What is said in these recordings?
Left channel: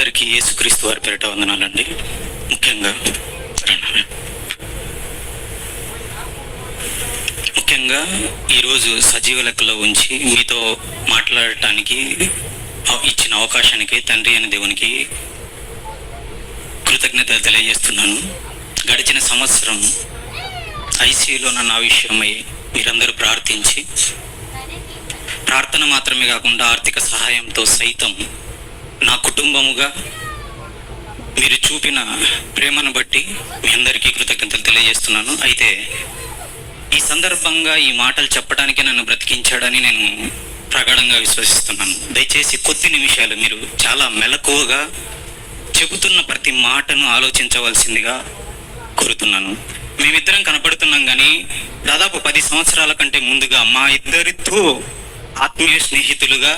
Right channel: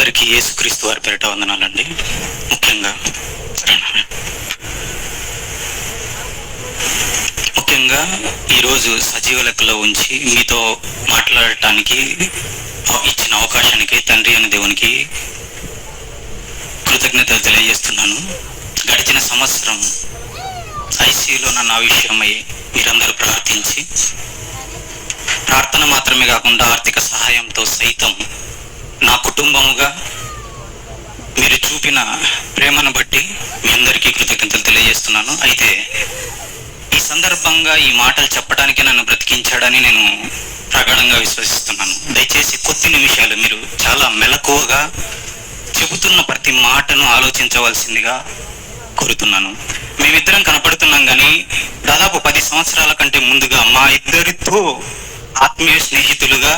అందరికీ యేసుక్రీస్తు వారి పేరిట వందనాలండి. ముఖ్యంగా ఈరోజు సజీవ లెక్కలో ఉంచి మీతో మాట్లాడటానికి ఇచ్చిన అవకాశానికి తండ్రి అనే దేవునికి కృతజ్ఞతలు తెలియజేస్తున్నాను. గడిచిన సంవత్సరం ఐసీయూలో నా విషయమై మీరందరూ ప్రార్థించి, ప్రార్థన మాత్రమే కాకుండా ఆర్థిక సహాయంతో సైతం నా కుటుంబముగా మీరు చూపిన ప్రేమను బట్టి మీ అందరికీ కృతజ్ఞతలు తెలియజేస్తున్నాను. అయితే ఈ సందర్భంగా ఈ మాటలు చెప్పడానికి నన్ను బ్రతికించాడని నేను ప్రగాఢంగా విశ్వసిస్తున్నాను. దయచేసి కొద్ది నిమిషాలు మీరు చాలా మెలకువగా చెబుతున్న ప్రతి మాటను ఆలోచించవలసిందిగా కోరుతున్నాను. మేమిద్దరం కనపడుతున్నాం కానీ దాదాపు 10 సంవత్సరాల కంటే ముందుగా మా ఇద్దరితో ఆత్మీయ స్నేహితులుగా,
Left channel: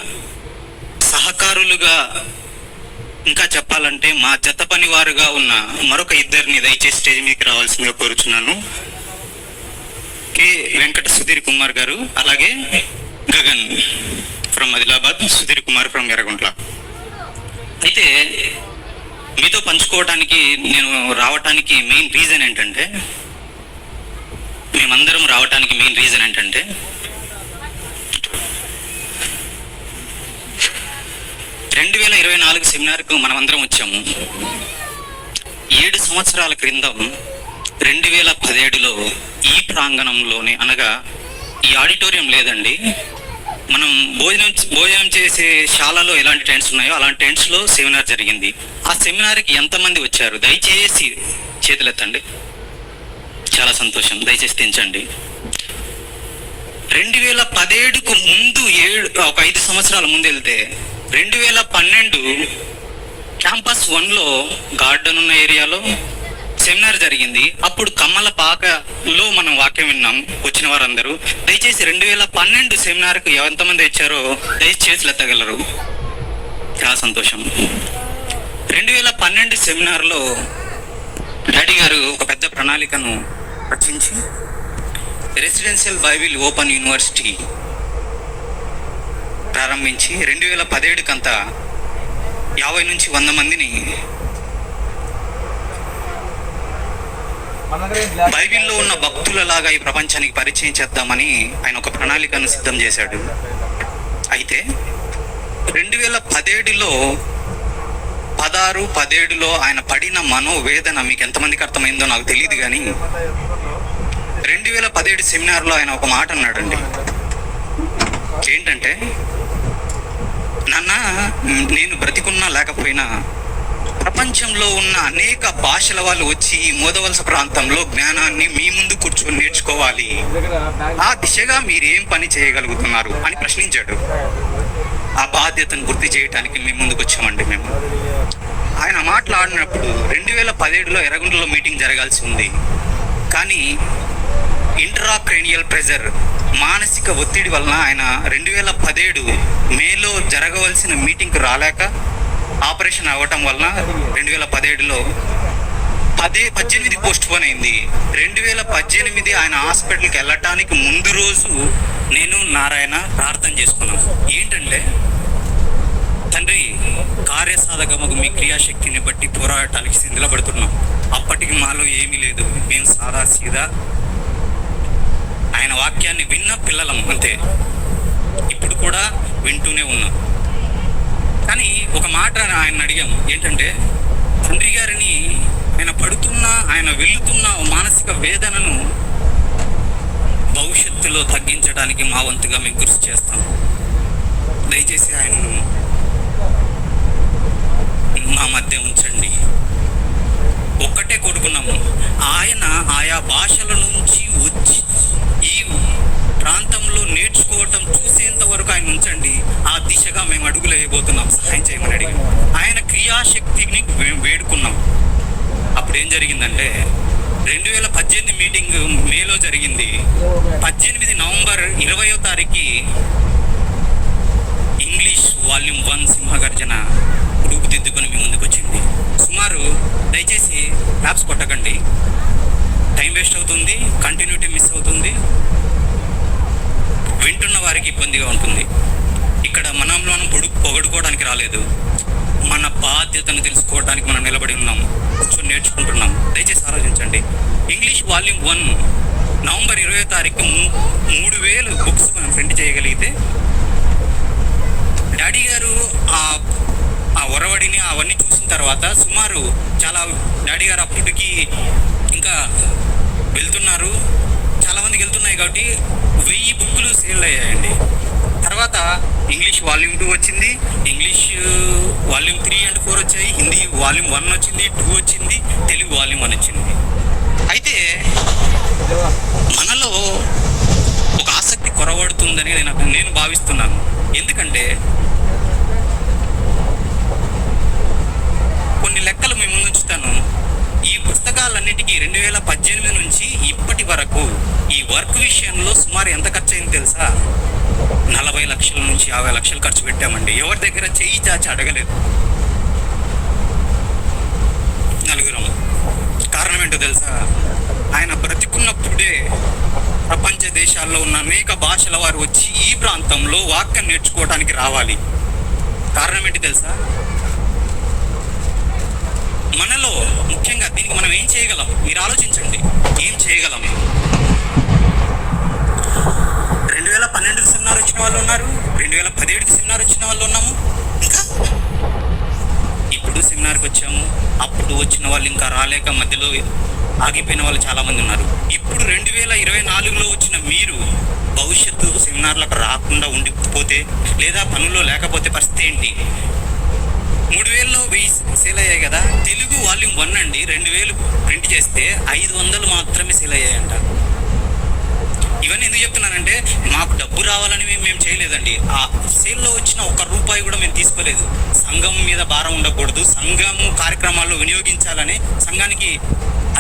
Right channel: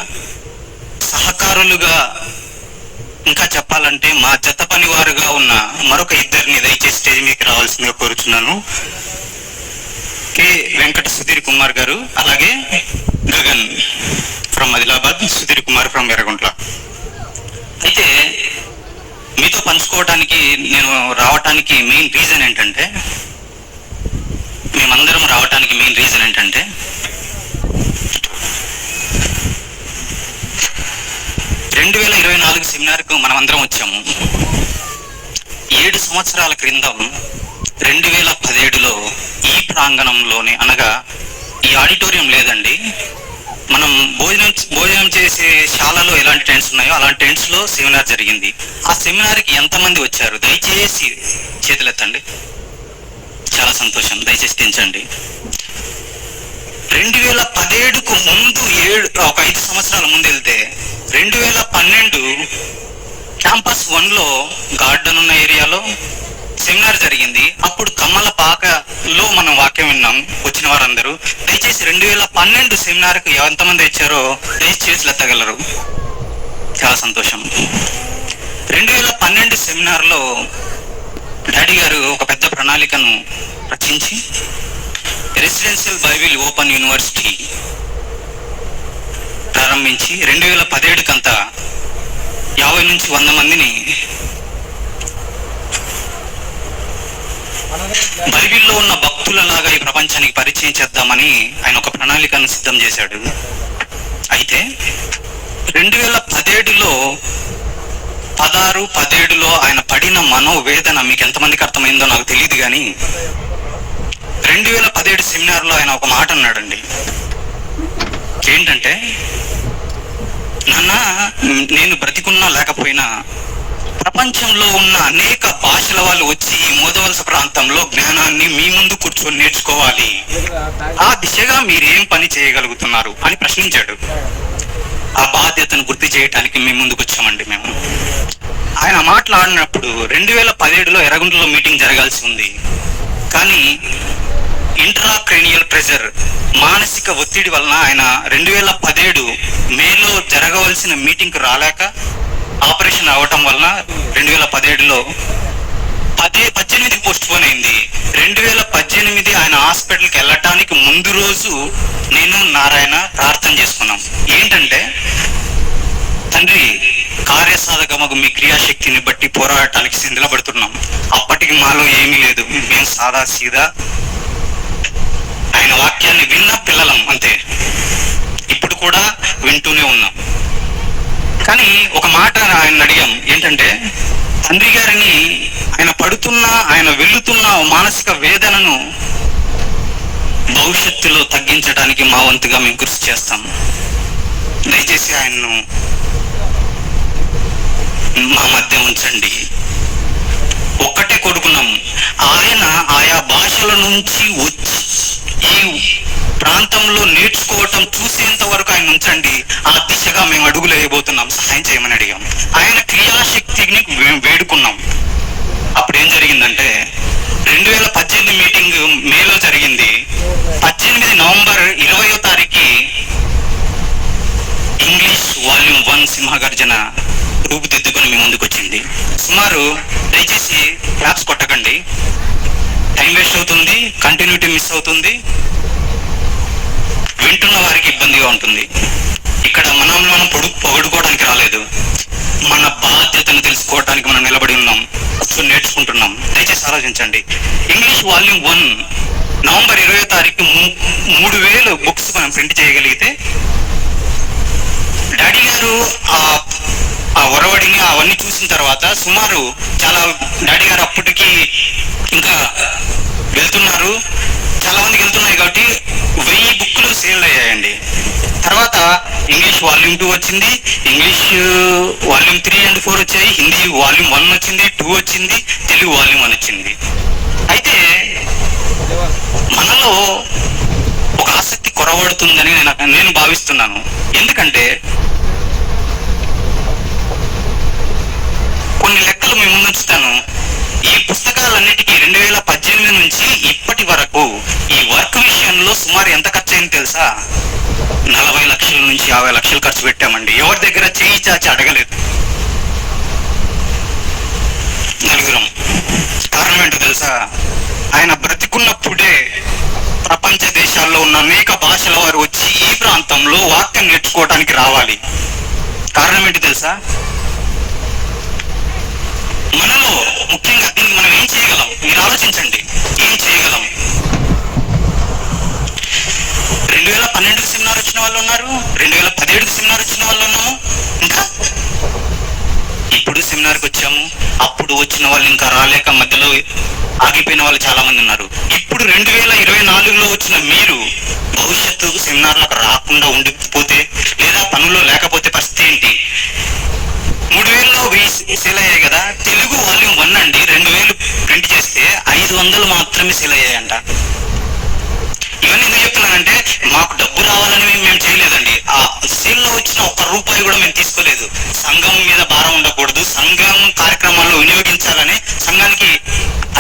సహకారులుగా, ఇంకా చెప్పాలంటే మా జత పనివారుగా ఉన్న మరొక ఇద్దరిని దయచేసి స్టేజ్ మీదకి రావాల్సిందిగా కోరుచున్నాను. కె వెంకట సుధీర్ కుమార్ గారు, అలాగే గగన్ ఫ్రమ్ ఆదిలాబాద్, సుధీర్ కుమార్ ఫ్రమ్ ఎర్రగుంట్ల. అయితే మీతో పంచుకోవటానికి నేను రావటానికి మెయిన్ రీజన్ ఏంటంటే, మేమందరం రావటానికి మెయిన్ రీజన్ ఏంటంటే 2024 సెమినార్కు మనమందరం వచ్చాము. 7 సంవత్సరాల క్రిందం 2017లో ఈ ప్రాంగణంలోనే, అనగా ఈ ఆడిటోరియం లేదండి, మనం భోజనం చేసే శాలలో ఎలాంటి టెంట్స్ ఉన్నాయో అలాంటి టెంట్స్ లో సెమినార్ జరిగింది. ఆ సెమినార్కి ఎంతమంది వచ్చారు? దయచేసి చేతులెత్తండి. చాలా సంతోషం, దయచేసి తెంచండి. 2017కు ముందు ఒక 5 సంవత్సరాల ముందు వెళ్తే 2012 క్యాంపస్ 1లో గార్డెన్ ఉన్న ఏరియాలో సెమినార్ జరిగింది. అప్పుడు కమ్మలపాకలో మనం వాక్యం విన్నాం వచ్చిన వారందరూ. దయచేసి 2012 సెమినార్కు ఎంతమంది వచ్చారో దయచేసి ఎత్తగలరు? చాలా సంతోషం. 2012 సెమినార్లో డాడీ గారు ఒక పెద్ద ప్రణాళికను రచించి రెసిడెన్షియల్ బైబిల్ ఓపెన్ యూనివర్సిటీ ప్రారంభించి 2017 కంతా 50 నుంచి 100 మందిని బైబిల్లో ఉన్న భక్తులలాగా ఈ ప్రపంచానికి పరిచయం చేద్దామని ఆయన ఒక ప్రణాళికను సిద్ధం చేశాడు. అయితే 2017లో 16-17లో ఆయన పడిన మనోవేదన మీకు ఎంతమందికి అర్థమైందో నాకు తెలియదు, కానీ 2017 సెమినార్లో ఆయన ఒక మాట అన్నాడండి. ఏంటంటే, నాన్న, నేను బ్రతికున్నా లేకపోయినా ప్రపంచంలో ఉన్న అనేక భాషల వాళ్ళు వచ్చి ఈ మోదవలస ప్రాంతంలో జ్ఞానాన్ని మీ ముందు కూర్చొని నేర్చుకోవాలి. ఆ దిశగా మీరేం పని చేయగలుగుతున్నారు అని ప్రశ్నించాడు. ఆ బాధ్యతను గుర్తు చేయడానికి మేము ముందుకు వచ్చామండి. మేము ఆయన మాట్లాడినప్పుడు 2017లో ఎర్రగుంటలో మీటింగ్ జరగాల్సి ఉంది, కానీ ఇంట్రాక్రేనియల్ ప్రెజర్, మానసిక ఒత్తిడి వలన ఆయన 2017 మేలో జరగవలసిన మీటింగ్కి రాలేక ఆపరేషన్ అవ్వటం వలన 2017లో 18 పోస్ట్ పోన్ అయింది. 2018 ఆయన హాస్పిటల్కి వెళ్ళటానికి ముందు రోజు నేను నారాయణ ప్రార్థన చేసుకున్నాం. ఏంటంటే, తండ్రి, కార్యసాధకమగు మీ క్రియాశక్తిని బట్టి పోరాటానికి సిద్ధపడుతున్నాం. అప్పటికి మాలో ఏమీ లేదు, మేము సాదా సీదా ఆయన వాక్యాన్ని విన్న పిల్లలం అంతే. ఇప్పుడు కూడా వింటూనే ఉన్నాం. కానీ ఒక మాట ఆయన అడిగాం, ఏంటంటే, తండ్రి గారిని ఆయన పడుతున్న, ఆయన వెళ్తున్న మానసిక వేదనను భవిష్యత్తులో తగ్గించడానికి మా వంతుగా మేము కృషి చేస్తాం. దయచేసి ఆయన్ను మా మధ్య ఉంచండి. ఒక్కటే కోరుకున్నాము, ఆయన ఆయా భాషల నుంచి వచ్చి ఈ ప్రాంతంలో నేర్చుకోవటం చూసేంత వరకు ఆయన ఉంచండి. ఆ దిశగా మేము అడుగులు వేయబోతున్నాం, సహాయం చేయమని అడిగాం. ఆయన క్రియాశక్తిని వేడుకున్నాం. అప్పుడు ఏం జరిగిందంటే, 2018 మీటింగ్ మేలో జరిగింది. 18 నవంబర్ 20వ తారీఖు ఇంగ్లీష్ వాల్యూమ్ 1 సింహగర్జన రూపుదిద్దుకొని మీ ముందుకు వచ్చింది. సుమారు, దయచేసి క్లాప్స్ కొట్టకండి, టైం వేస్ట్ అవుతుంది, కంటిన్యూటీ మిస్ అవుతుంది, వింటున్న వారికి ఇబ్బందిగా ఉంటుంది. ఇక్కడ మనం పొగడుకోవడానికి రాలేదు, మన బాధ్యతను నేర్చుకోవడానికి మనం నిలబడి ఉన్నాం, కూర్చొని నేర్చుకుంటున్నాం. దయచేసి ఆలోచించండి. ఇంగ్లీష్ వాల్యూమ్ 1 నవంబర్ 20వ తారీఖు 3000 బుక్స్ మనం ప్రింట్ చేయగలిగితే, డాడీ గారు ఆ ఒరవడిని అవన్నీ చూసిన తర్వాత సుమారు డాడీ గారు అప్పటికి ఇంకా వెళ్తున్నారు, చాలా మందికి వెళ్తున్నాయి కాబట్టి 1000 బుక్లు సేల్ అయ్యాయండి. తర్వాత ఇంగ్లీష్ వాల్యూమ్ 2 వచ్చింది, ఇంగ్లీష్ వాల్యూమ్ 3 and 4 వచ్చాయి, హిందీ వాల్యూమ్ 1 వచ్చింది, 2 వచ్చింది, తెలుగు వాల్యూమ్ 1 వచ్చింది. అయితే మనలో ఒక ఆసక్తి కొరవడుతుందని నేను భావిస్తున్నాను. ఎందుకంటే కొన్ని లెక్కలు మీ ముందు ఉంచుతాను. ఈ పుస్తకాలన్నిటికీ 2018 నుంచి ఇప్పటి వరకు ఈ వర్క్ విషయంలో సుమారు ఎంత ఖర్చు అయింది తెలుసా? 40 లక్షల నుంచి 50 లక్షలు ఖర్చు పెట్టామండి. ఎవరి దగ్గర చేయి చాచి అడగలేదు, నలుగురం. కారణం ఏంటో తెలుసా? ఆయన బ్రతికున్నప్పుడే ప్రపంచ దేశాల్లో ఉన్న అనేక భాషల వారు వచ్చి ఈ ప్రాంతంలో వాక్యం నేర్చుకోవడానికి రావాలి. కారణం ఏంటి తెలుసా? మనలో ముఖ్యంగా దీనికి మనం ఏం చేయగలం? మీరు ఆలోచించండి, ఏం చేయగలం? 2012 సెమినార్ వచ్చిన వాళ్ళు ఉన్నారు, 2017 సెమినార్ వచ్చిన వాళ్ళు ఉన్నాము, ఇంకా ఇప్పుడు సెమినార్కి వచ్చాము. అప్పుడు వచ్చిన వాళ్ళు ఇంకా రాలేక మధ్యలో ఆగిపోయిన వాళ్ళు చాలా మంది ఉన్నారు. ఇప్పుడు 2024లో వచ్చిన మీరు భవిష్యత్తు సెమినార్లకు రాకుండా ఉండిపోతే లేదా పనుల్లో లేకపోతే పరిస్థితి ఏంటి? 3000లో 1000 సేల్ అయ్యాయి కదా. తెలుగు వాల్యూమ్ 1 అండి 2000 ప్రింట్ చేస్తే 500 మాత్రమే సేల్ అయ్యాయంట. ఇవన్నీ ఎందుకు చెప్తున్నానంటే, మాకు డబ్బు రావాలని మేము చేయలేదండి. ఆ సేల్లో వచ్చిన ₹1 కూడా మేము తీసుకోలేదు. సంఘం మీద భారం ఉండకూడదు, సంఘం కార్యక్రమాల్లో వినియోగించాలని, సంఘానికి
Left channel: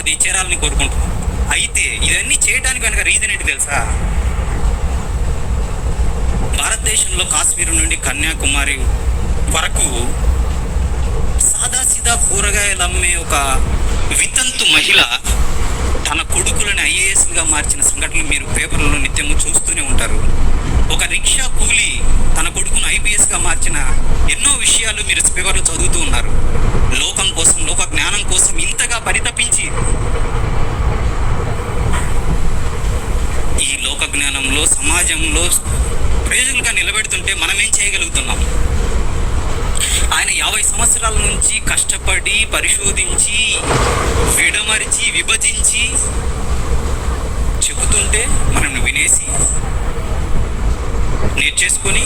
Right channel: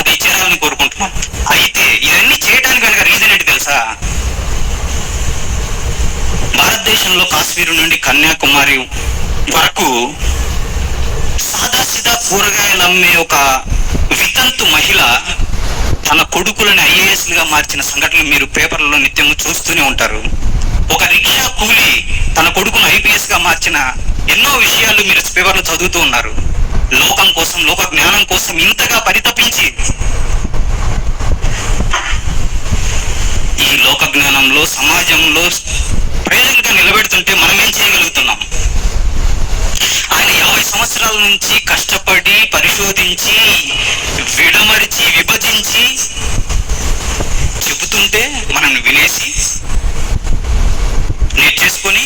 అది చేరాలని కోరుకుంటున్నాం. అయితే ఇవన్నీ చేయడానికి కనుక రీజన్ ఏంటి తెలుసా? భారతదేశంలో కాశ్మీర్ నుండి కన్యాకుమారి వరకు సాదాసీదా కూరగాయలు అమ్మే ఒక వితంతు మహిళ తన కొడుకులని IASలుగా మార్చిన సంఘటనలు మీరు పేపర్లలో నిత్యము చూస్తూనే ఉంటారు. ఒక రిక్షా కూలి తన కొడుకును IPSగా మార్చిన ఎన్నో విషయాలు మీరు పేపర్లో చదువుతూ ఉన్నారు. లోకం కోసం, లోక జ్ఞానం కోసం ఇంతగా పరితపించి ఈ లోక జ్ఞానంలో సమాజంలో ప్రయోజనంగా నిలబెడుతుంటే మనం ఏం చేయగలుగుతున్నాం? ఆయన 50 సంవత్సరాల నుంచి కష్టపడి పరిశోధించి విడమరిచి విభజించి చెబుతుంటే మనం వినేసి నేర్చేసుకొని,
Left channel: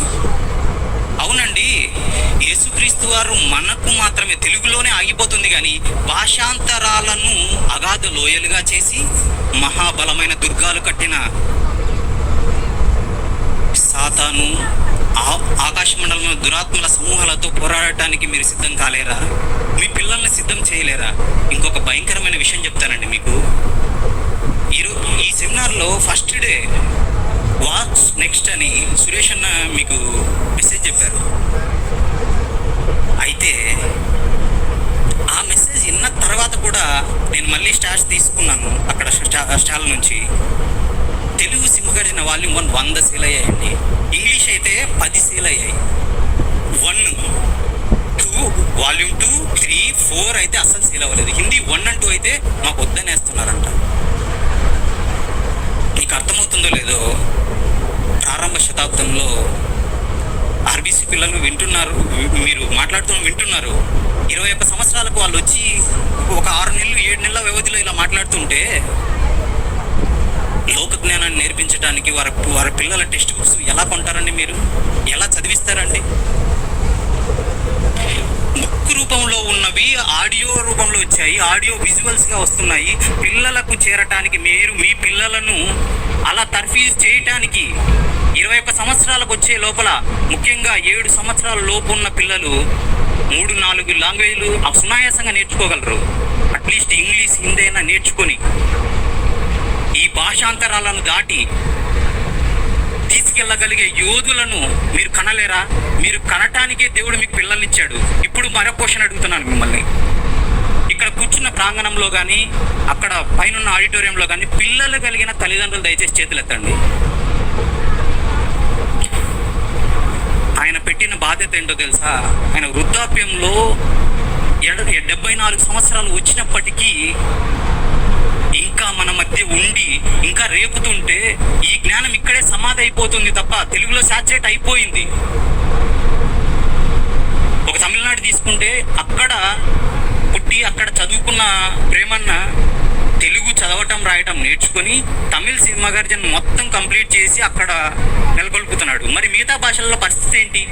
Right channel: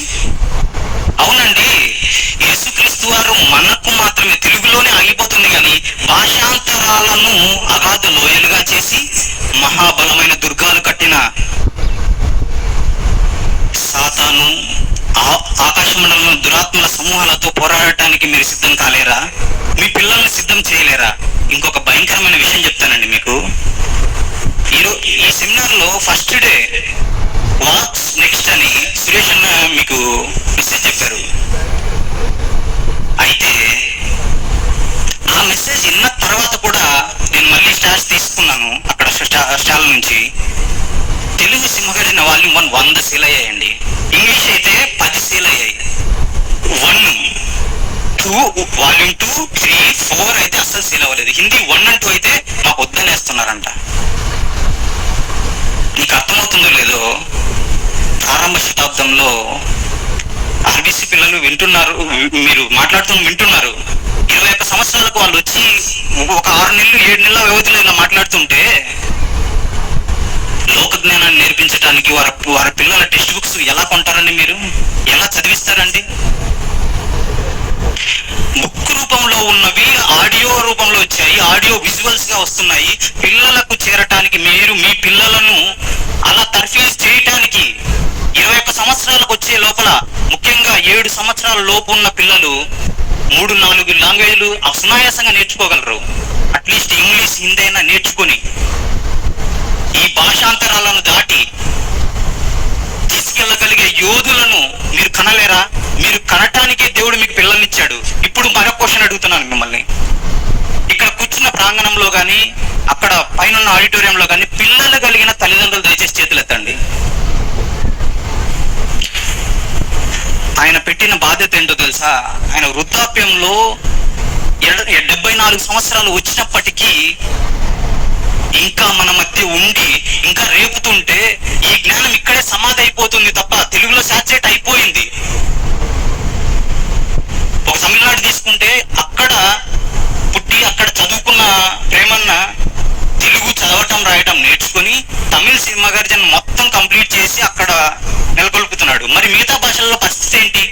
అవునండి యేసుక్రీస్తు వారు మనకు మాత్రమే తెలుగులోనే ఆగిపోతుంది కానీ భాషాంతరాలను అగాధ లోయలుగా చేసి మహాబలమైన దుర్గాలు కట్టిన సాతాను ఆకాశ మండలంలో దురాత్మల సమూహాలతో పోరాడటానికి మీరు సిద్ధం కాలేరా? మీ పిల్లల్ని సిద్ధం చేయలేరా? ఇంకొక భయంకరమైన విషయం చెప్తానండి మీకు. ఈ సెమినార్లో ఫస్ట్ డే వాట్స్ నెక్స్ట్ అని సురేష్ అన్న మీకు మెసేజ్ చెప్పారు. అయితే ఆ మెసేజ్ విన్న తర్వాత కూడా నేను మళ్ళీ స్టార్స్ తీసుకున్నాను అక్కడ స్టాల్ నుంచి. తెలుగు సింహగర్జన వాల్యూమ్ 1 100 సేల్ అయ్యాయండి. ఇంగ్లీష్ అయితే 10 సేల్ అయ్యాయి. 1, 2 వాల్యూమ్ 2, 3, 4 అయితే అస్సలు సేల్ అవ్వలేదు. హిందీ 1 and 2 అయితే మాకు వద్దనేస్తున్నారంట. నీకు అర్థమవుతుందో లేదో, ప్రారంభ శతాబ్దంలో RBC పిల్లలు వింటున్నారు, మీరు మాట్లాడుతూ వింటున్నారు. 21 సంవత్సరాలకు వాళ్ళు వచ్చి ఒక 6 నెలలు 7 నెలల వ్యవధిలో ఇలా మాట్లాడుతుంటే లోక జ్ఞానాన్ని నేర్పించడానికి వారి పిల్లల టెక్స్ట్ బుక్స్ ఎలా కొంటారండి? మీరు ఎలా చదివిస్తారండి? బుక్ రూపంలో ఉన్నవి ఆడియో రూపంలో వచ్చాయి, ఆడియో విజువల్స్ గా వస్తున్నాయి. పిల్లలకు చేరటానికి మీరు మీ పిల్లలను అలా తర్ఫీజ్ చేయటానికి 21 సంవత్సరాలకు వచ్చే లోపల, ముఖ్యంగా 7 సంవత్సరాల లోపు ఉన్న పిల్లలు 3-4 లాంగ్వేజ్లు సునాయాసంగా నేర్చుకోగలరు. అట్లీస్ట్ ఇంగ్లీష్, హిందీ అయినా నేర్చుకొని ఈ భాషాంతరాలను దాటి తీసుకెళ్ళగలిగే యోధులను మీరు కనలేరా? మీరు కనటానికే దేవుడు మీకు పిల్లల్నిచ్చాడు. ఇప్పుడు మరొక క్వశ్చన్ అడుగుతున్నాను మిమ్మల్ని. ఇక్కడ కూర్చున్న ప్రాంగణంలో కానీ అక్కడ పైన ఆడిటోరియంలో కానీ పిల్లలు కలిగిన తల్లిదండ్రులు దయచేసి చేతులు ఎత్తండి. ఆయన పెట్టిన బాధ్యత ఏంటో తెలుసా? ఆయన వృద్ధాప్యంలో 70 24 సంవత్సరాలు వచ్చినప్పటికీ ఇంకా మన మధ్య ఉండి ఇంకా రేపుతుంటే ఈ జ్ఞానం ఇక్కడే సమాధి అయిపోతుంది తప్ప తెలుగులో సాచురేట్ అయిపోయింది. ఒక తమిళనాడు తీసుకుంటే అక్కడ పుట్టి అక్కడ చదువుకున్న ప్రేమన్న తెలుగు చదవటం రాయటం నేర్చుకొని తమిళ సినిమా గర్జన్ మొత్తం కంప్లీట్ చేసి అక్కడ నెలకొల్పుతున్నాడు. మరి మిగతా భాషల్లో పరిస్థితి ఏంటి?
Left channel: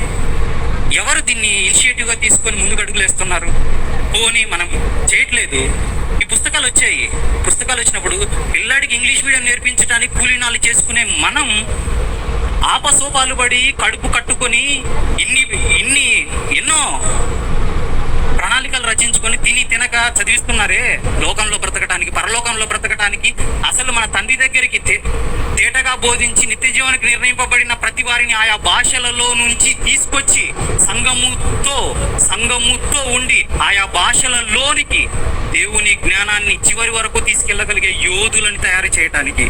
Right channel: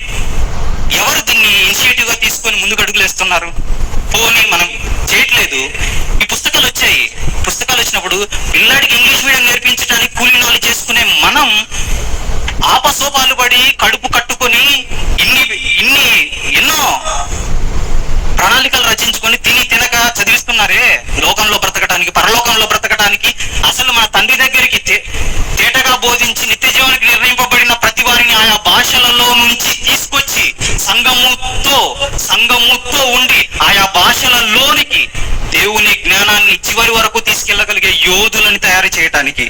ఎవరు దీన్ని ఇనిషియేటివ్ గా తీసుకొని ముందుకు అడుగులు వేస్తున్నారు? పోనీ మనం చేయట్లేదు. ఈ పుస్తకాలు వచ్చాయి. పుస్తకాలు వచ్చినప్పుడు పిల్లాడికి ఇంగ్లీష్ మీడియం నేర్పించడానికి కూలీ నాలు చేసుకునే మనం ఆపసోపాలు పడి కడుపు కట్టుకొని ఎన్నో ప్రణాళికలు రచించుకొని తినక చదివిస్తున్నారే లోకంలో బ్రతకటానికి, పరలోకంలో బ్రతకటానికి. అసలు మన తండ్రి దగ్గరికి తేటగా బోధించి నిత్య జీవనానికి నిర్ణయింపబడిన ప్రతి వారిని ఆయా భాషలలో నుంచి తీసుకొచ్చి సంఘముతో ఉండి ఆయా భాషలలోనికి దేవుని జ్ఞానాన్ని చివరి వరకు తీసుకెళ్ళగలిగే యోధులను తయారు చేయటానికి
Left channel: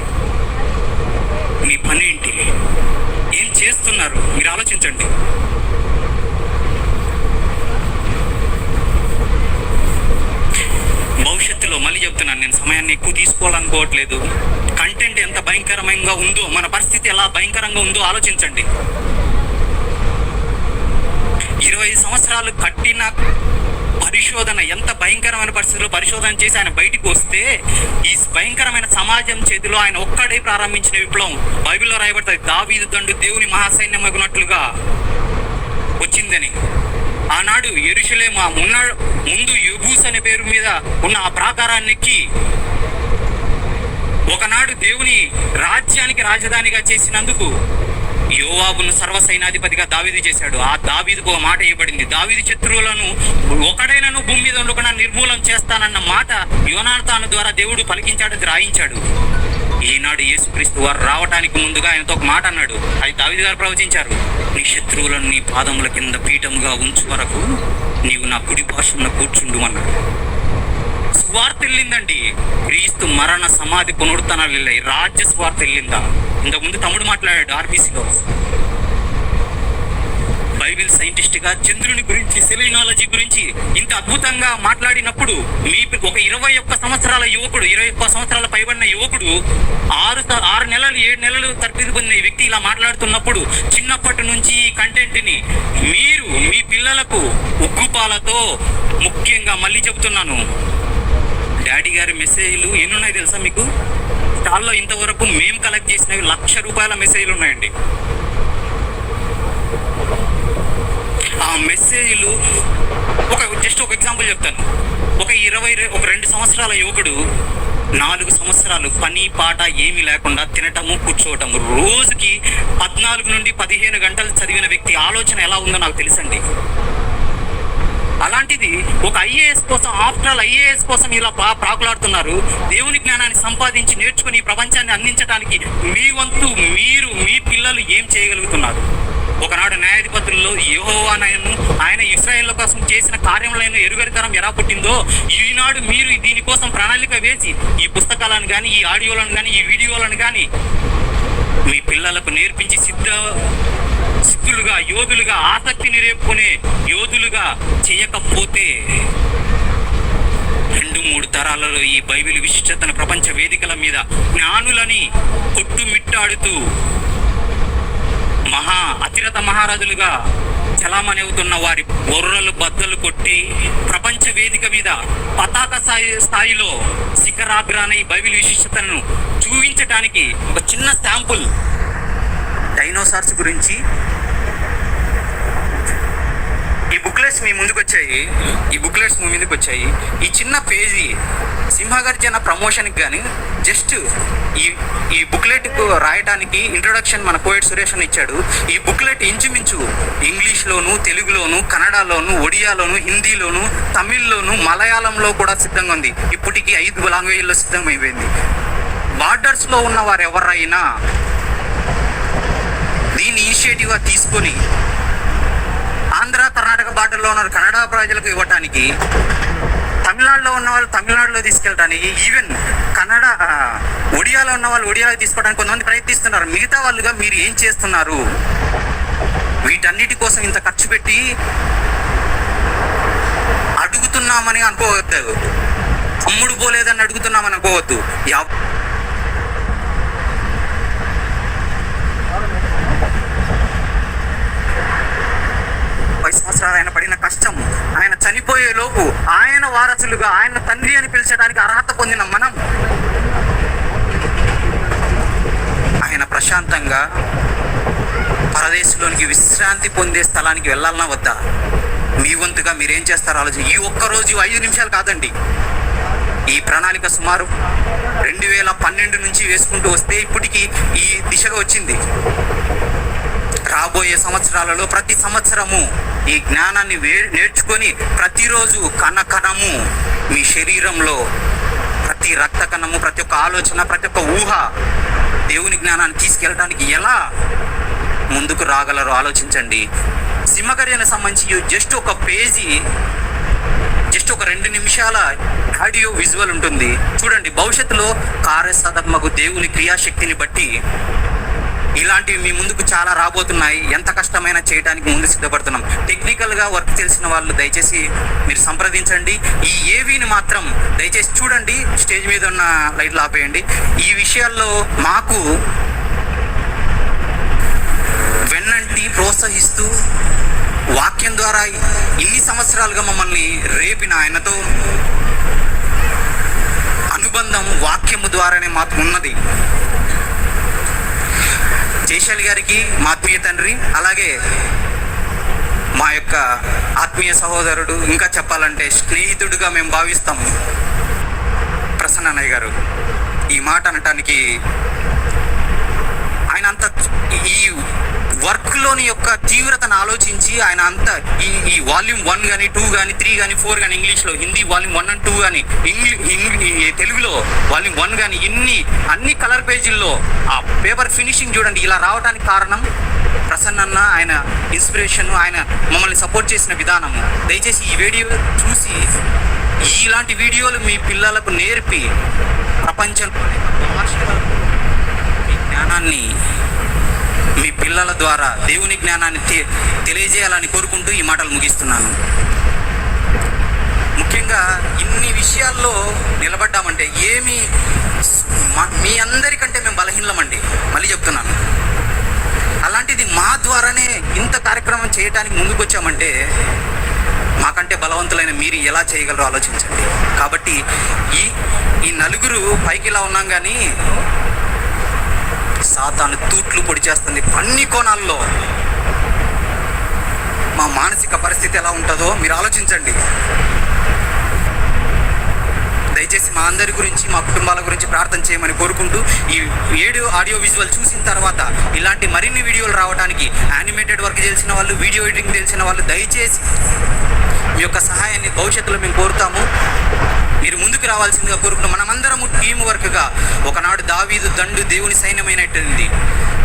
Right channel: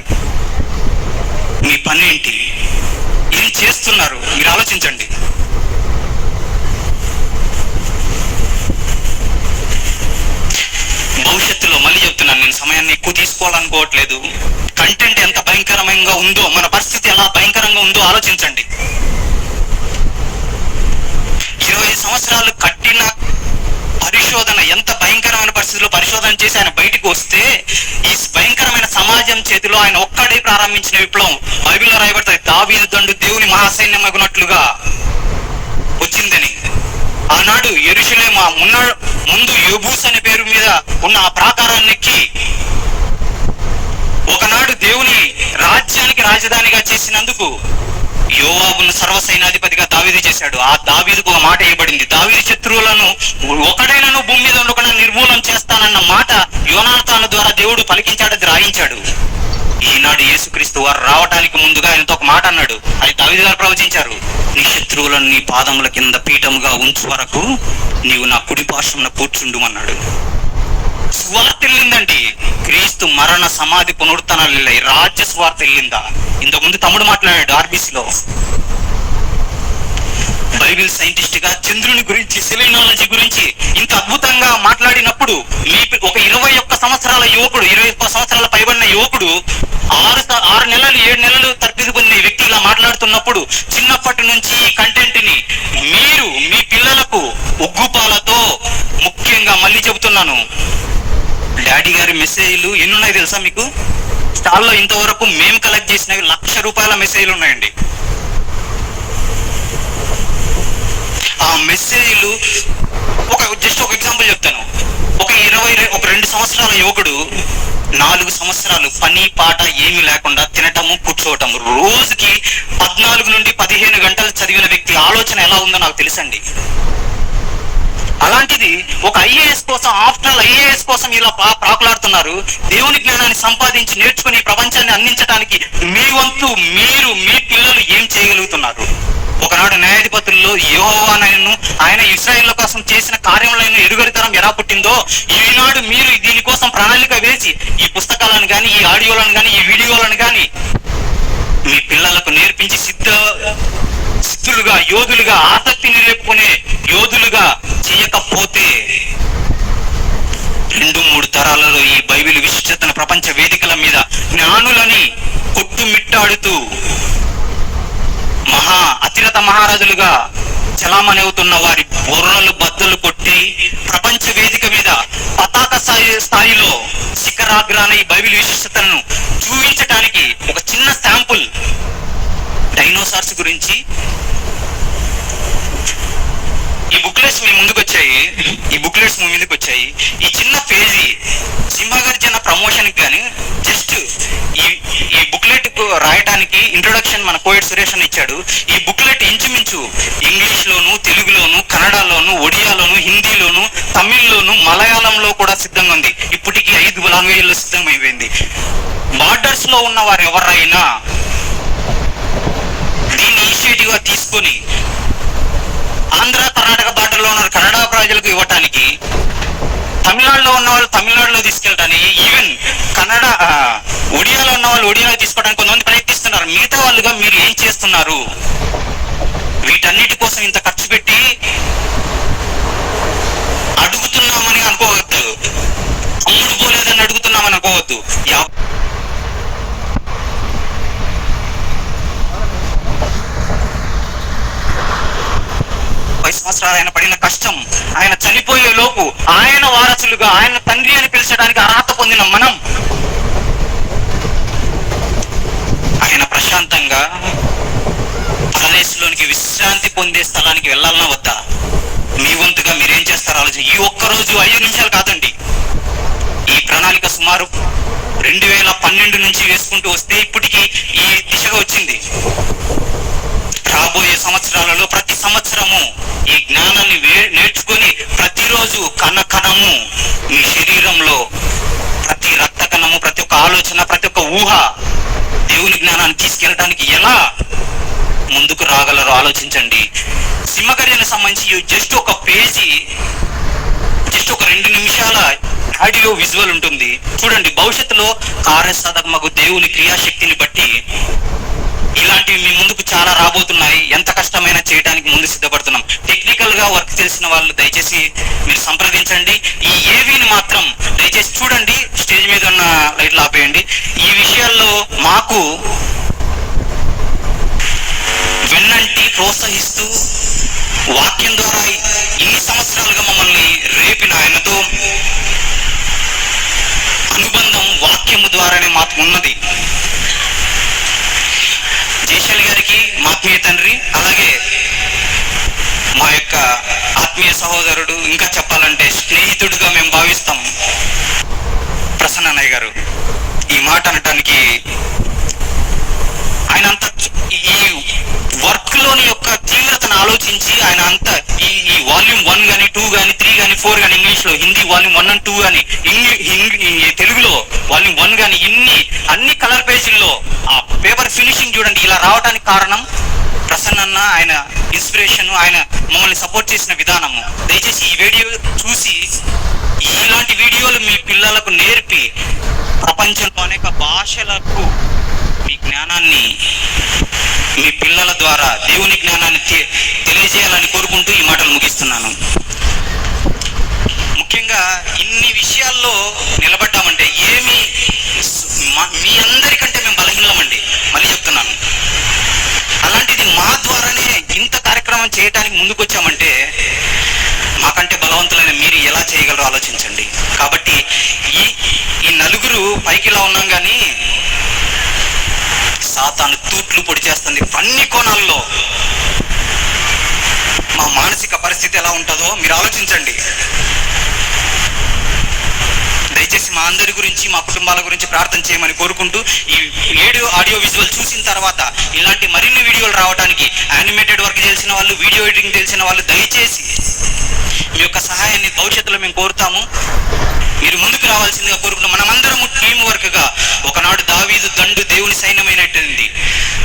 మీ పని ఏంటి? ఏం చేస్తున్నారు? మీరు ఆలోచించండి. భవిష్యత్తులో మళ్ళీ చెప్తున్నాను, నేను సమయాన్ని ఎక్కువ తీసుకోవాలనుకోవట్లేదు. కంటెంట్ ఎంత భయంకరంగా ఉందో, మన పరిస్థితి ఎలా భయంకరంగా ఉందో ఆలోచించండి. 20 సంవత్సరాలు కట్టిన పరిశోధన ఎంత భయంకరమైన పరిస్థితుల్లో పరిశోధన చేసి ఆయన బయటికి వస్తే ఈ భయంకరమైన సమాజం చేతిలో ఆయన ఒక్కడే ప్రారంభించిన విప్లవం బైబిల్లో రాయబడుతుంది. దావీదు దండు దేవుని మహాసైన్యమగునట్లుగా వచ్చిందని. ఆనాడు యెరూషలేము ముందు యెబూస్ అనే పేరు మీద ఉన్న ఆ ప్రాకారానికి ఒకనాడు దేవుని రాజ్యానికి రాజధానిగా చేసినందుకు యోవాబును సర్వసైనాధిపతిగా దావీదు చేశాడు. ఆ దావీదుకు ఒక మాట ఇవ్వబడింది, దావీదు శత్రువులను ఒకడైనను భూమి మీద ఉండకుండా నిర్మూలన చేస్తానన్న మాట యోనాతాను ద్వారా దేవుడు పలికించాడు, అది రాయించాడు. ఈనాడు యేసుక్రీస్తు వారు రావటానికి ముందుగా ఆయనతో ఒక మాట అన్నాడు, అది దావీదు గారు ప్రవచించారు. నీ శత్రువులను నీ పాదముల కింద పీఠముగా ఉంచు వరకు నీవు నా కుడి పార్శ్వమున కూర్చుండు అన్నాడు. స్వార్థ వెళ్ళిందండి. క్రీస్తు మరణ సమాధి పునరుత్థానాలు వెళ్ళాయి. రాజ్య స్వార్థ వెళ్ళిందా? ఇంతకుముందు తమ్ముడు మాట్లాడాడు ఆర్బీసీలో. బైబిల్ సైంటిస్ట్ గా చంద్రుని గురించి, సెలెనాలజీ గురించి ఇంత అద్భుతంగా మాట్లాడినప్పుడు ఒక 21 సంవత్సరాల యువకుడు, 21 సంవత్సరాల పైబడిన యువకుడు 6 నెలలు 7 నెలలు తరబిది పొందిన వ్యక్తి ఇలా మాట్లాడుతున్నప్పుడు చిన్నప్పటి నుంచి ఈ కంటెంట్ ని మీరు మీ పిల్లలకు ఉగ్గుపాలతో, ముఖ్యంగా మళ్ళీ చెబుతున్నాను, డాడీ గారి మెసేజ్లు ఎన్ని ఉన్నాయి తెలుసా మీకు? స్టాల్లో ఇంతవరకు మేము కలెక్ట్ చేసినవి 1,00,000 రూపాయల మెసేజ్లు ఉన్నాయండి. ఆ మెసేజ్లు జస్ట్ ఒక ఎగ్జాంపుల్ చెప్తాను. ఒక 2 సంవత్సరాల యువకుడు 4 సంవత్సరాలు పని పాట ఏమీ లేకుండా తినటము కూర్చోవటము, రోజుకి 14 నుండి 15 గంటలు చదివిన వ్యక్తి ఆలోచన ఎలా ఉందో నాకు తెలుసండి. అలాంటిది ఒక ఐఏఎస్ కోసం, ఆఫ్టర్ ఆల్ ఐఏఎస్ కోసం ఇలా ప్రాకులాడుతున్నారు. దేవుని జ్ఞానాన్ని సంపాదించి నేర్చుకుని ప్రపంచాన్ని అందించడానికి మీ వంతు మీరు, మీ పిల్లలు ఏం చేయగలుగుతున్నారు? ఒకనాడు న్యాయాధిపతుల్లో యెహోవాను, ఆయన ఇశ్రాయేళ్ల కోసం చేసిన కార్యములను ఎరుగరితనం ఎలా పుట్టిందో, ఈనాడు మీరు దీనికోసం ప్రణాళిక వేసి ఈ పుస్తకాలను కానీ, ఈ ఆడియోలను కానీ, ఈ వీడియోలను కానీ మీ పిల్లలకు నేర్పించి సిద్ధులుగా, యోధులుగా, ఆసక్తిని రేపుకునే యోధులుగా చేయకపోతే 2-3 తరాలలో ఈ బైబిల్ విశిష్టతను ప్రపంచ వేదికల మీద జ్ఞానులని కొట్టుమిట్టాడుతూ అతిరథ మహారాజులుగా చలామణి అవుతున్న వారి బొర్రలు బద్దలు కొట్టి ప్రపంచ వేదిక మీద పతాక స్థాయిలో శిఖరాగ్రాన ఈ బైబిల్ విశిష్టతను చూపించడానికి ఒక చిన్న శాంపుల్ డైనోసార్స్ గురించి ఈ బుక్లెట్స్ మీ ముందుకు వచ్చాయి. ఈ చిన్న పేజీ సింహగర్జన ప్రమోషన్ కి గానీ జస్ట్ ఈ బుక్లెట్ రాయటానికి ఇంట్రొడక్షన్ మన కోయట్ సురేష్ అని ఇచ్చాడు. ఈ బుక్లెట్ ఇంచుమించు ఇంగ్లీష్ లోను, తెలుగులోను, కన్నడలోను, ఒడియాలోను, హిందీలోను, తమిళ్లోను, మలయాళంలో కూడా సిద్ధంగా ఉంది. ఇప్పటికీ 5 లాంగ్వేజ్లో సిద్ధమైపోయింది. బార్డర్స్ లో ఉన్న వారు ఎవరైనా దీన్ని ఇనిషియేటివ్ గా తీసుకొని ఆంధ్ర కర్ణాటక బార్డర్లో ఉన్న కన్నడ ప్రజలకు ఇవ్వటానికి, తమిళనాడులో ఉన్న వాళ్ళు తమిళనాడులో తీసుకెళ్ళటానికి, ఈవెన్ ఒడియాలో ఉన్న వాళ్ళు ఒడియాలో తీసుకోవడానికి కొంతమంది ప్రయత్నిస్తున్నారు. మిగతా వాళ్ళుగా మీరు ఏం చేస్తున్నారు? వీటన్నిటి కోసం ఇంత ఖర్చు పెట్టి అడుగుతున్నాం అడుగుతున్నామని అనుకోవద్దు, అమ్ముడు పోలేదని అడుగుతున్నామని అనుకోవద్దు. 50 సంవత్సరాలు ఆయన పడిన కష్టం, ఆయన చనిపోయే లోపు ఆయన వారసులుగా ఆయన తండ్రి అని పిలిచడానికి అర్హత పొందిన మనం ఆయన ప్రశాంతంగా పరదేశంలోనికి విశ్రాంతి పొందే స్థలానికి వెళ్ళాలన్నా వద్దా? మీ వంతుగా మీరేం చేస్తారో ఆలోచన. ఈ ఒక్కరోజు 5 నిమిషాలు కాదండి, ఈ ప్రణాళిక సుమారు 2012 నుంచి వేసుకుంటూ వస్తే ఇప్పటికి ఈ దిశగా వచ్చింది. రాబోయే సంవత్సరాలలో ప్రతి సంవత్సరము ఈ జ్ఞానాన్ని నేర్చుకొని ప్రతిరోజు కణకణము మీ శరీరంలో ప్రతి రక్త కణము, ప్రతి ఒక్క ఆలోచన, ప్రతి ఒక్క ఊహ దేవుని జ్ఞానాన్ని తీసుకెళ్ళడానికి ఎలా ముందుకు రాగలరో ఆలోచించండి. సింహగర్జనకు సంబంధించి జస్ట్ ఒక పేజీ, జస్ట్ ఒక 2 నిమిషాల ఆడియో విజువల్ ఉంటుంది చూడండి. భవిష్యత్తులో కార్యసాధకమగు దేవుని క్రియాశక్తిని బట్టి ఇలాంటివి మీ ముందుకు చాలా రాబోతున్నాయి. ఎంత కష్టమైనా చేయడానికి ముందు సిద్ధపడుతున్నాం. టెక్నికల్ గా వర్క్ తెలిసిన వాళ్ళు దయచేసి మీరు సంప్రదించండి. ఈ ఏవీని మాత్రం దయచేసి చూడండి. స్టేజ్ మీద ఉన్న లైట్లు ఆపేయండి. ఈ విషయాల్లో మాకు వెన్నంటి ప్రోత్సహిస్తూ వాక్యం ద్వారా ఇన్ని సంవత్సరాలుగా మమ్మల్ని రేపిన ఆయనతో అనుబంధం వాక్యము ద్వారానే మాకు ఉన్నది. జయశాలి గారికి మా ఆత్మీయ తండ్రి, అలాగే మా యొక్క ఆత్మీయ సహోదరుడు, ఇంకా చెప్పాలంటే స్నేహితుడిగా మేము భావిస్తాం ప్రసన్న అన్నయ్య గారు. ఈ మాట అనటానికి ఆయన అంత ఈ వర్క్ లోని యొక్క తీవ్రతను ఆలోచించి ఆయన అంత ఈ వాల్యూమ్ 1 కానీ 2 కానీ 3 కానీ 4 కానీ ఇంగ్లీష్ లో, హిందీ వాల్యూమ్ 1 and 2 కానీ తెలుగులో వాల్యూమ్ 1 కానీ అన్ని కలర్ పేజీల్లో ఆ పేపర్ ఫినిషింగ్ చూడండి. ఇలా రావడానికి కారణం ప్రసన్న, ఆయన ఇన్స్పిరేషన్, ఆయన మమ్మల్ని సపోర్ట్ చేసిన విధానము. దయచేసి ఈ వీడియో చూసి ఇలాంటి వీడియోలు మీ పిల్లలకు నేర్పి ప్రపంచంలో అనేక భాషలకు మీ జ్ఞానాన్ని, మీ పిల్లల ద్వారా దేవుని జ్ఞానాన్ని తెలియజేయాలని కోరుకుంటూ ఈ మాటలు ముగిస్తున్నాను. ముఖ్యంగా ఇన్ని విషయాల్లో నిలబడ్డామంటే మీ అందరికంటే మేము బలహీనమండి, మళ్ళీ చెప్తున్నాను. అలాంటిది మా ద్వారానే ఇంత కార్యక్రమం చేయడానికి ముందుకు వచ్చామంటే మాకంటే బలవంతులైన మీరు ఎలా చేయగలరో ఆలోచించండి. కాబట్టి ఈ నలుగురు పైకి ఇలా ఉన్నాం కానీ సాతాను తూట్లు పొడి చేస్తుంది అన్ని కోణాల్లో. మా మానసిక పరిస్థితి ఎలా ఉంటుందో మీరు ఆలోచించండి. దయచేసి మా అందరి గురించి, మా కుటుంబాల గురించి ప్రార్థన చేయమని కోరుకుంటూ ఈ ఆడియో విజువల్ చూసిన తర్వాత ఇలాంటి మరిన్ని వీడియోలు రావడానికి యానిమేటెడ్ వర్క్ తెలిసిన వాళ్ళు, వీడియో ఎడిటింగ్ తెలిసిన వాళ్ళు దయచేసి మీ యొక్క సహాయాన్ని భవిష్యత్తులో మేము కోరుతాము. మీరు ముందుకు రావాల్సిందిగా కోరుకుంటాం. మనమందరము టీం వర్క్ గా ఒకనాడు దావీదు దండు దేవుని సైన్యమైనట్టుంది.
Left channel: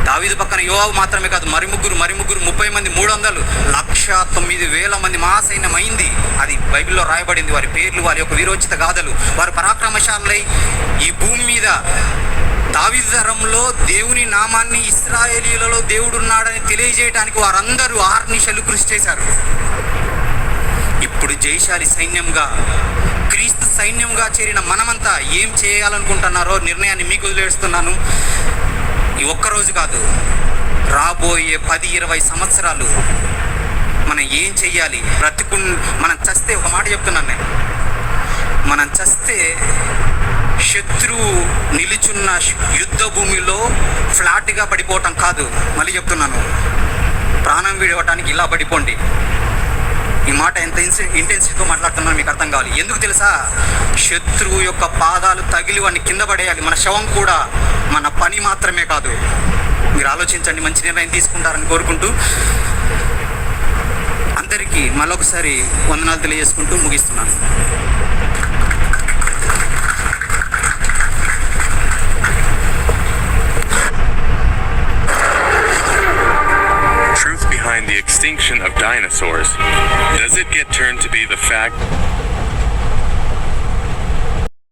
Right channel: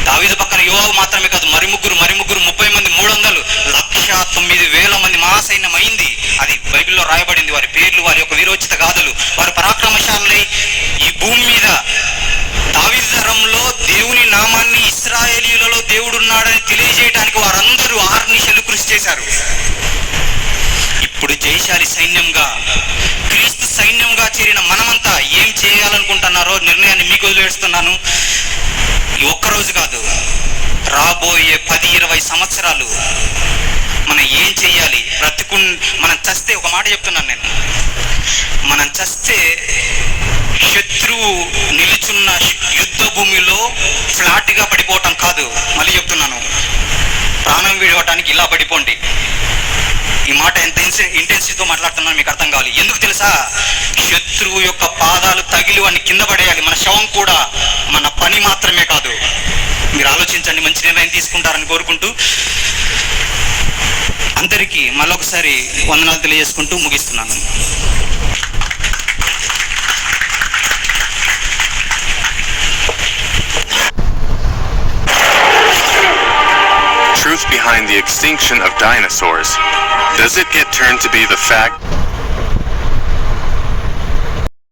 దావీదు పక్కన యోవాబు మాత్రమే కాదు, మరి ముగ్గురు 30 మంది, 300, 1,09,000 మంది మహాసైన్యం అయింది. అది బైబిల్లో రాయబడింది. వారి పేర్లు, వారి యొక్క వీరోచిత గాథలు, వారి పరాక్రమశాలై ఈ భూమి మీద దావీదు తరంలో దేవుని నామాన్ని, ఇశ్రాయేలీయులలో దేవుడున్నాడని తెలియజేయడానికి వారందరూ అహర్నిశలు కృషి చేశారు. ఇప్పుడు జయశాలి సైన్యంగా, క్రీస్తు సైన్యంగా చేరిన మనమంతా ఏం చేయాలనుకుంటున్నారో నిర్ణయాన్ని మీకు వదిలేస్తున్నాను. ఈ ఒక్కరోజు కాదు, రాబోయే 10-20 సంవత్సరాలు మనం ఏం చెయ్యాలి. మనం చస్తే, ఒక మాట చెప్తున్నాను నేను, మనం చస్తే శత్రువు నిలుచున్న యుద్ధ భూమిలో ఫ్లాట్గా పడిపోవటం కాదు, మళ్ళీ చెప్తున్నాను, ప్రాణం విడవటానికి ఇలా పడిపోండి. ఈ మాట ఎంత ఇంటెన్సిటీతో మాట్లాడుతున్నాను మీకు అర్థం కావాలి. ఎందుకు తెలుసా? శత్రువు యొక్క పాదాలు తగిలి వాడిని కింద పడేయాలి. మన శవం కూడా మన పని మాత్రమే కాదు. మీరు ఆలోచించండి, మంచి నిర్ణయం తీసుకుంటారని కోరుకుంటూ అందరికీ మళ్ళొకసారి వందనాలు తెలియజేసుకుంటూ ముగిస్తున్నాను. Truth behind the extinction of dinosaurs. Does it get turned to be the fact